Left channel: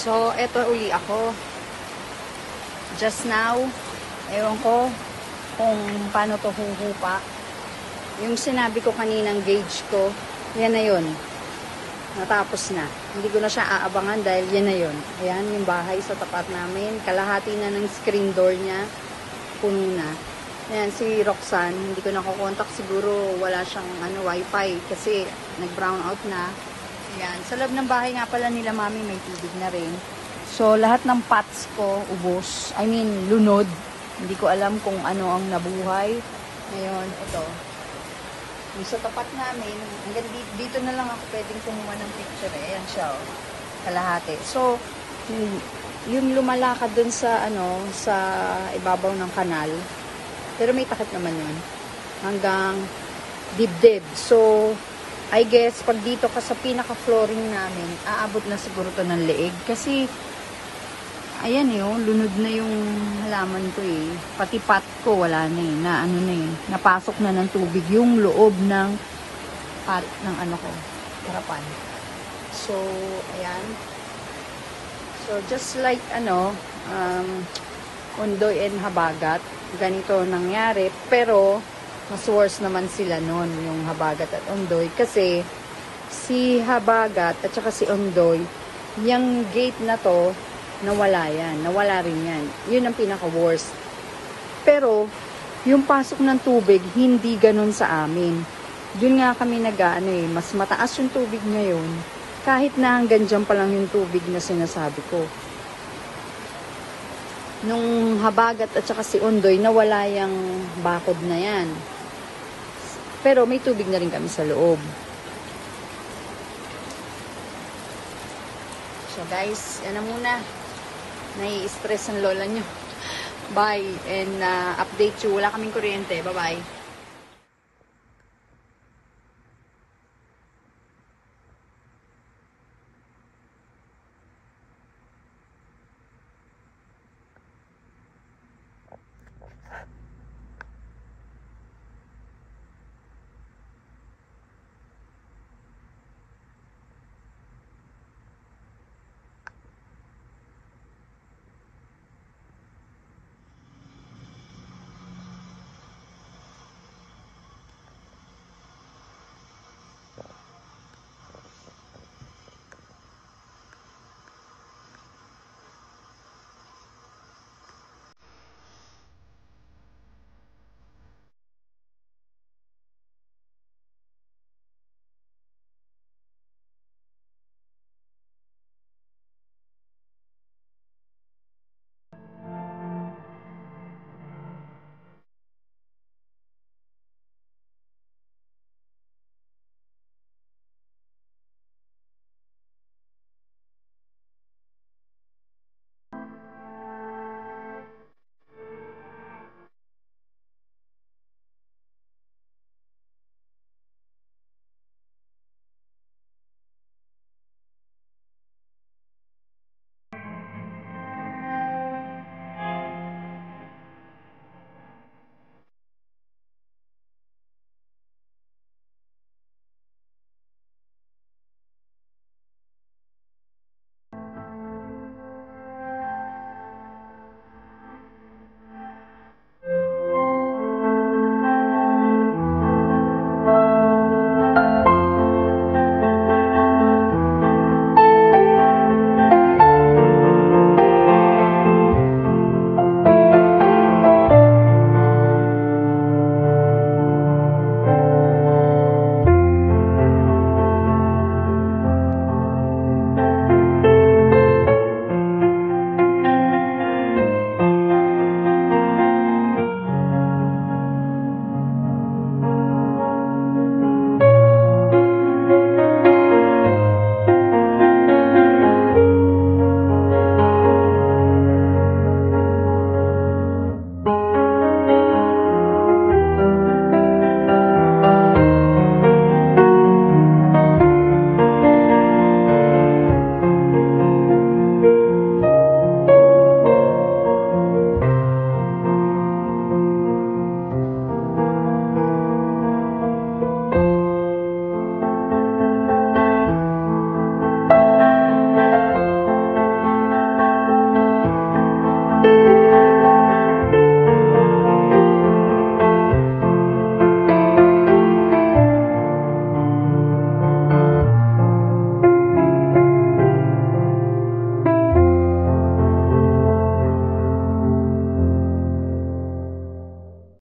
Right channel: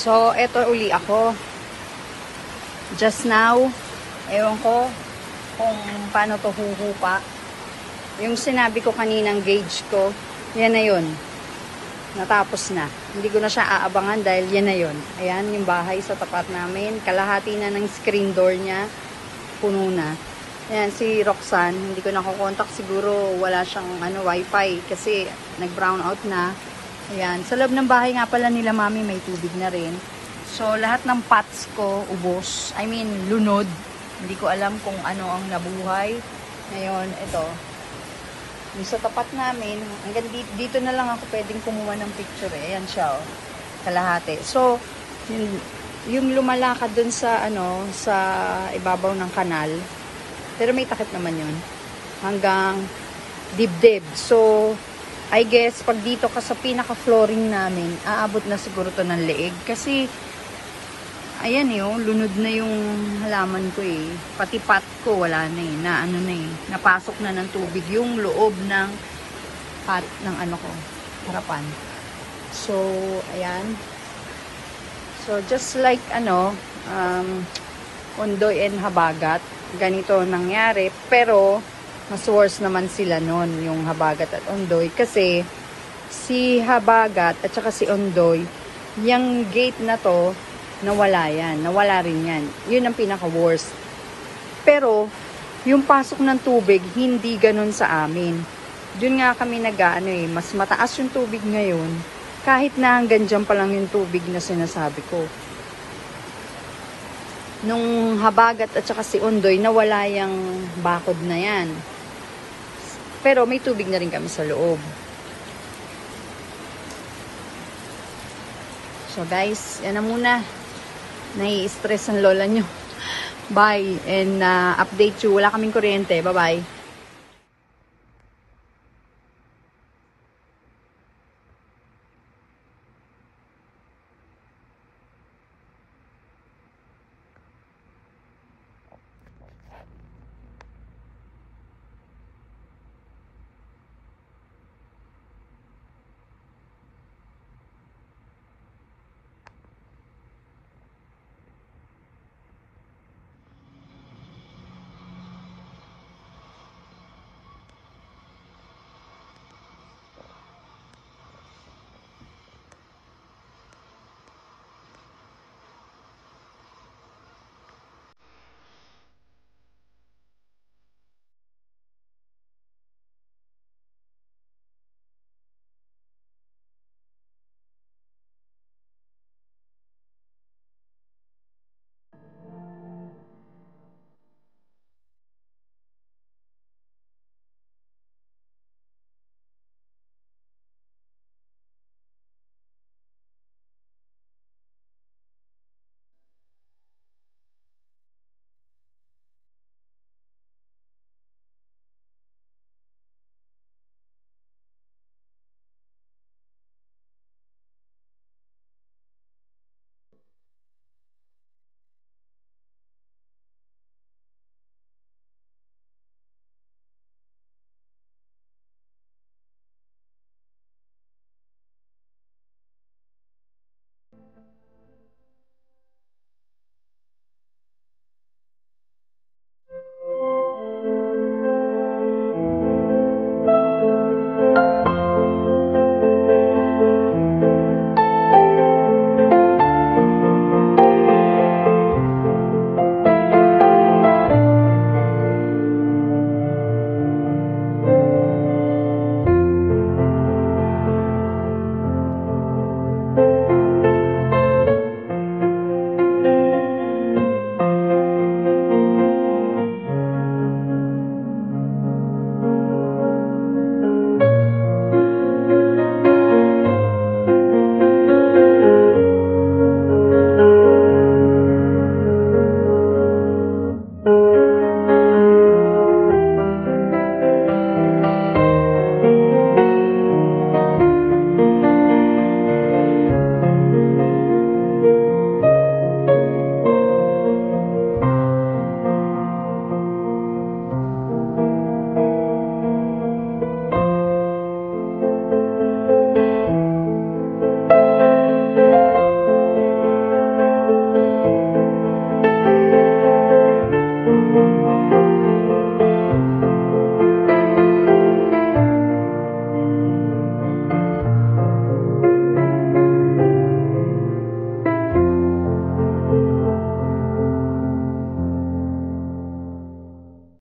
So, eto uli ako. Just now, ewan ko kung paano to huhupa. Yung sinabi ko kaninang gauge ko, yan na yun. Natapos na. Hindi ko na siya aabangan dahil yan na yun. Ayan, yung bahay sa tapat namin. Kalahati na ng screen door niya. Puno na. Ayan, si Roxanne, hindi ko nakukontak. Siguro wala siyang wifi kasi nag-brown out na. Ayan, sa loob ng bahay nga pala nila mami may tubig na rin. So, lahat ng pots ko ubos. I mean, lunod. Hindi ko alam kung ano ang nabuhay. Ngayon, ito. Yung sa tapat namin, hanggang dito na lang ako pwedeng kumuha ng picture. Ayan siya, oh. Kalahati. So, yung lumalakad dun sa, sa ibabaw ng kanal. Pero may takip naman yun. Hanggang dibdib. So, I guess, pag dito ka sa pinaka-flooring namin, aabot na siguro to ng leeg. Kasi, ayan yun, lunod na yung halaman ko eh. Pati pot ko, wala na eh. Napasok na ng tubig yung loob ng pot ng harapan. So, ayan. So, just like, Ondoy and Habagat, ganito nangyari. Pero, mas worse naman sila nun, yung Habagat at Ondoy. Kasi, si Habagat at saka si Ondoy, yung gate na to, nawala yan. Nawala rin yan. Yun ang pinaka-worst. Pero, yung pasok ng tubig, hindi ganun sa amin. Yun nga kami mas mataas yung tubig ngayon, kahit na hanggang dyan pa lang yung tubig na sinasabi ko. Nung Habagat at saka si Ondoy, nawala yung bakod na yan. Pero may tubig na rin kami sa loob. So guys, yan na muna. Nai-stress ang lola nyo. Bye. And update you. Wala kaming kuryente. Bye-bye.